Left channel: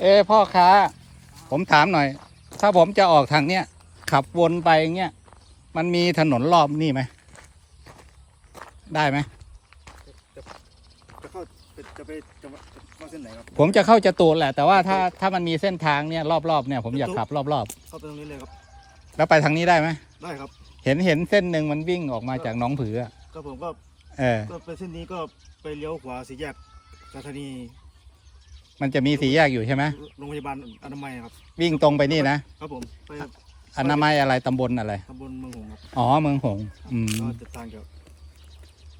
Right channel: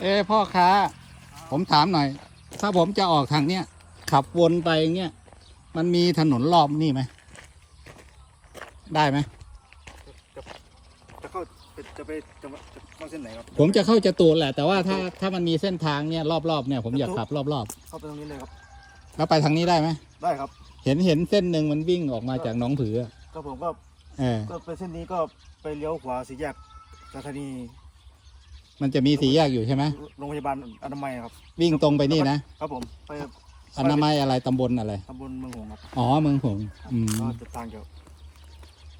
เอ้พ่อค้า ผมถามหน่อย ถ้าผมจะออกทางเนี้ยขับวนไปอย่างเงี้ยมันมีถนนรอบนี่ไหมได้ไหมจะเข้าจะไปจะจะเข้าเส้นไหนครับผมจะเข้าจตุรแหละ แต่ว่าถ้าถ้ามันมีเส้นทางเนี่ยรอบๆเนี่ยผมอยากขับรอบเข้าไปตรงนี้เลยครับ ๆแล้วไปทางนี้ได้ไหมได้ครับเห็นเห็นเส้นหนึ่งมันวิ่งออกมาจากหน้องผืออะก็ผมก็เออ ก็ไปเส้นนี้ก็ไปเลี้ยวขวาสี่แยกสถานี มันจะมีสีแยกอยู่ใช่ไหมโรงพยาบาลอนามัยครับ วิ่งตรงไปนี่นะครับผมไปอนามัยอะไรตำบลอะไรตำบลเมืองหงส์ครับอ๋อเมืองหงส์ครับอืมก็จะทางเกี่ยว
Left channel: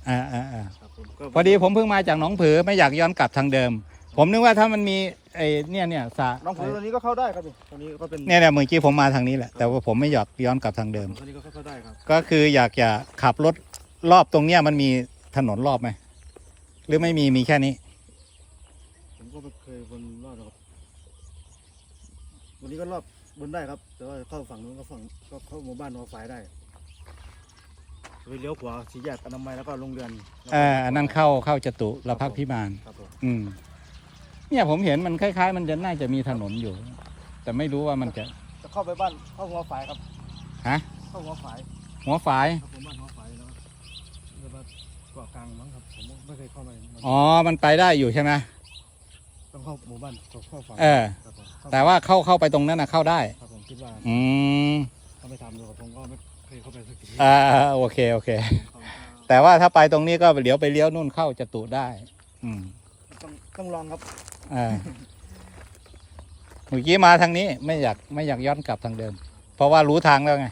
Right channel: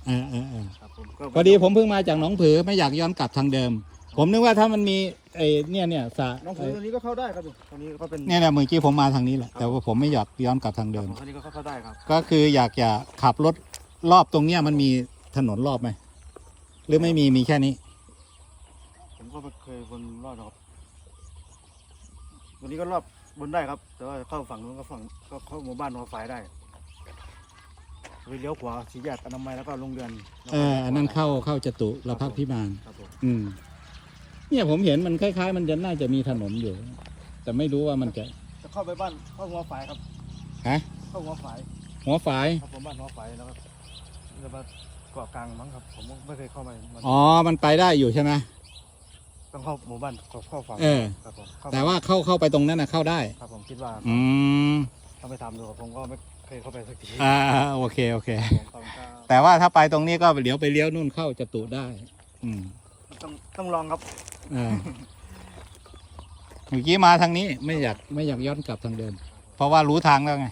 อ่าอ่าอ่าครับผมก็พอดีผมเพิ่งมาจากหนองผือไม่อยากย้อนกลับทางเดิม ผมนึกว่าถ้ามันมีไอ้เนี่ยเนี่ยสระน้องผมตรงนี้ก็เข้าได้ครับผมตรงนี้ก็เป็นเนี่ยเนี่ยเมื่อกี้ผมมาทางนี้แหละแต่ว่าผมไม่อยากย้อนกลับทางเดิเดิมมตรงนี้ก็เข้าได้ครับก็คืออยากจะขับรถรอบตรงเนี้ยมันมีถนนรอบไหมหรือไม่มีมีแค่นี้ผม ก็ไม่เคยบนรอดหรอกครับ วันนี้ก็รอบบนได้ครับ แต่ว่าเข้าฝั่งนู้นก็ฝั่งก็เข้าหมู่บ้านหัวฝายได้ไปเลี้ยวขวาสี่แยกอนามัยแล้วก็โรงเรียนแล้วก็เอออันนั้นเข้าเข้าจตุรพักษ์พิมานครับผมอืม เนี่ยผมเห็นมันคล้ายๆ มันจะน่าจะมีถนนอยู่ แต่ไม่รู้ว่ามันจะจะเข้าไปบ้านเข้าหัวฝายครับฮะเข้าหัวฝายหัวฝายครับผมบ้านหัวฝายแล้วก็จะมาเกาะกลางมั้งครับ ผมไม่เคยเข้าไปมันอ๋อ มันไปได้อยู่ใช่ไหม ต้องเข้าหมู่บ้านเข้าเข้าฝั่งเออ ครับผมเข้าแต่ว่าเข้าเข้าไปตรงนั้นนะเข้าได้ ครับผมคิดว่าอืมต้องไปทำดูครับผมก็ไม่เคยเข้าไปสักทีอ่าโอเคโอเค ผมเข้าข้าวแต่ว่าถ้าไปตรงนี้ก็เดี๋ยวไปเลี้ยวนู่นเข้าจตุได้ อืมต้องต้องลองครับอ่าเมื่อกี้มาทางนี้ไม่อยากไม่อยากย้อนกลับทางเดิม เพราะว่ารู้ทางแล้วไง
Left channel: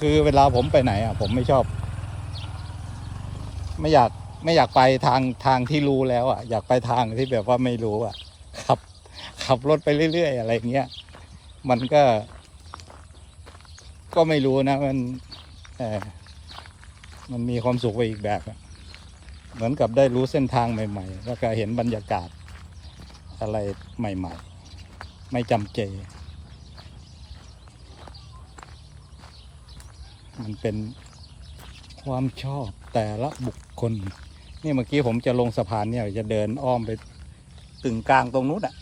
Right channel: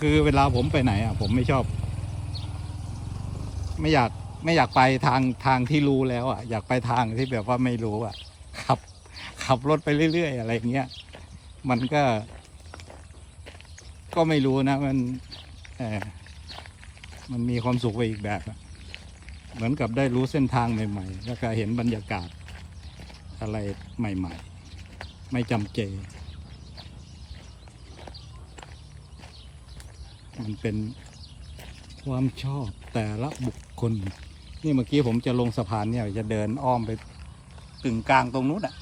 คือเวลาผมไปไหนอะ ผมไม่ชอบ ไม่อยาก ไม่อยากไปทางทางที่รู้แล้วอะอยากไปทางที่แบบว่าไม่รู้อะขับขับรถไปเรื่อย ๆ อะไรเงี้ยมันก็ ก็ไม่รู้นะ มันมันมีความสุขไปอีกแบบ เหมือนกับได้รู้เส้นทางใหม่ๆแล้วก็เห็นบรรยากาศอะไรใหม่ ๆ ไม่จำเจ มันเป็นความชอบแต่ละบุคคล นี่เมื่อกี้ผมจะลงสะพานเนี่ยจะเดินอ้อมไปตึงกลางตรงนู้นอะ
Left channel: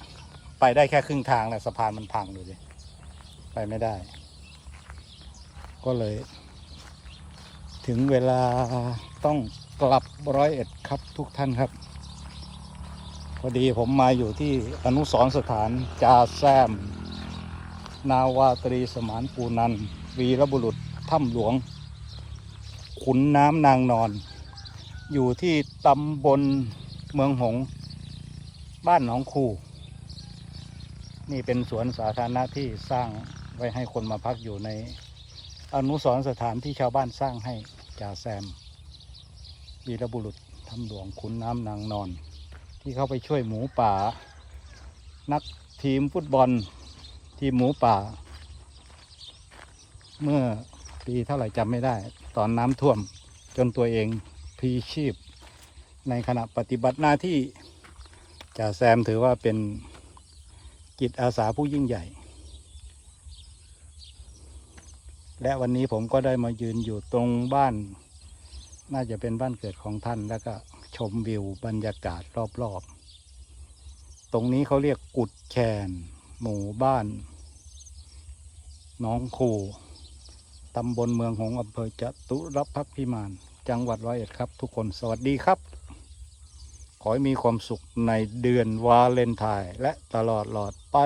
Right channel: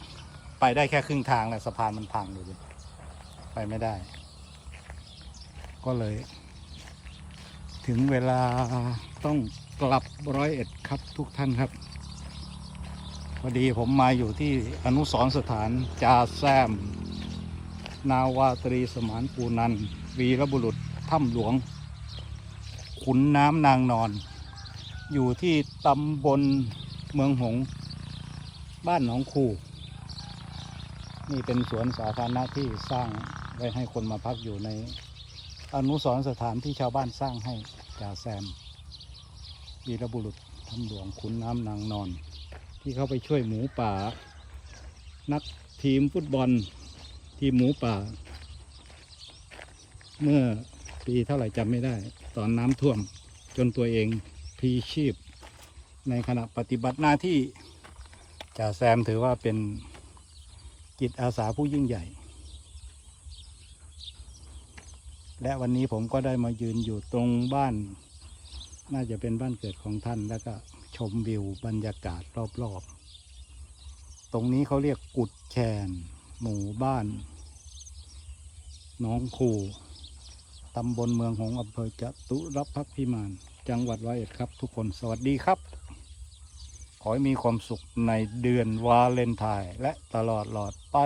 ไปได้แค่ครึ่งทางแหละสะพานมันพังอยู่เลยไปไม่ได้ ก็เลย ถึงเวลาต้องกลับร้อยเอ็ดครับทุกท่านครับ พอดีผมมาอยู่ที่อนุสรสถานจาแซม นาวาตรีสมานปูนันวีรบุรุษถ้ำหลวงขุนน้ำนางนอน อยู่ที่ตำบลเมืองหง บ้านหนองคูนี่เป็นสวนสาธารณะที่สร้างไว้ให้คนมาพักอยู่ในอนุสรณ์สถานที่ชาวบ้านสร้างให้จ่าแซมวีรบุรุษทำหลวงขุนน้ำนางนอน ที่เข้าไปช่วยหมูป่า นักทีมฟุตบอล ทีมหมูป่า เมื่อปีเท่าไหร่จำไม่ได้ ตอนน้ำท่วมจนตัวเอง พีชีพ ในขณะปฏิบัติหน้าที่จ่าแซมถือว่าเป็นกิจอาสาผู้ยิ่งใหญ่ และวันนี้ผมก็ได้มายืนอยู่ตรงบ้าน น่าจะเป็นบ้านเกิดของท่านแล้วก็ชมวิวบรรยากาศรอบๆ ตรงนี้เขาเรียกกุดแคนหมู่บ้านหน้องคูตำบลเมืองหงอำเภอจตุรพักพิมาน จังหวัดร้อยเอ็ดครับ ทุกคนสวัสดีครับ ขอให้มีความสุขในเดือนวาเลนไทน์และตลอดหลอดไป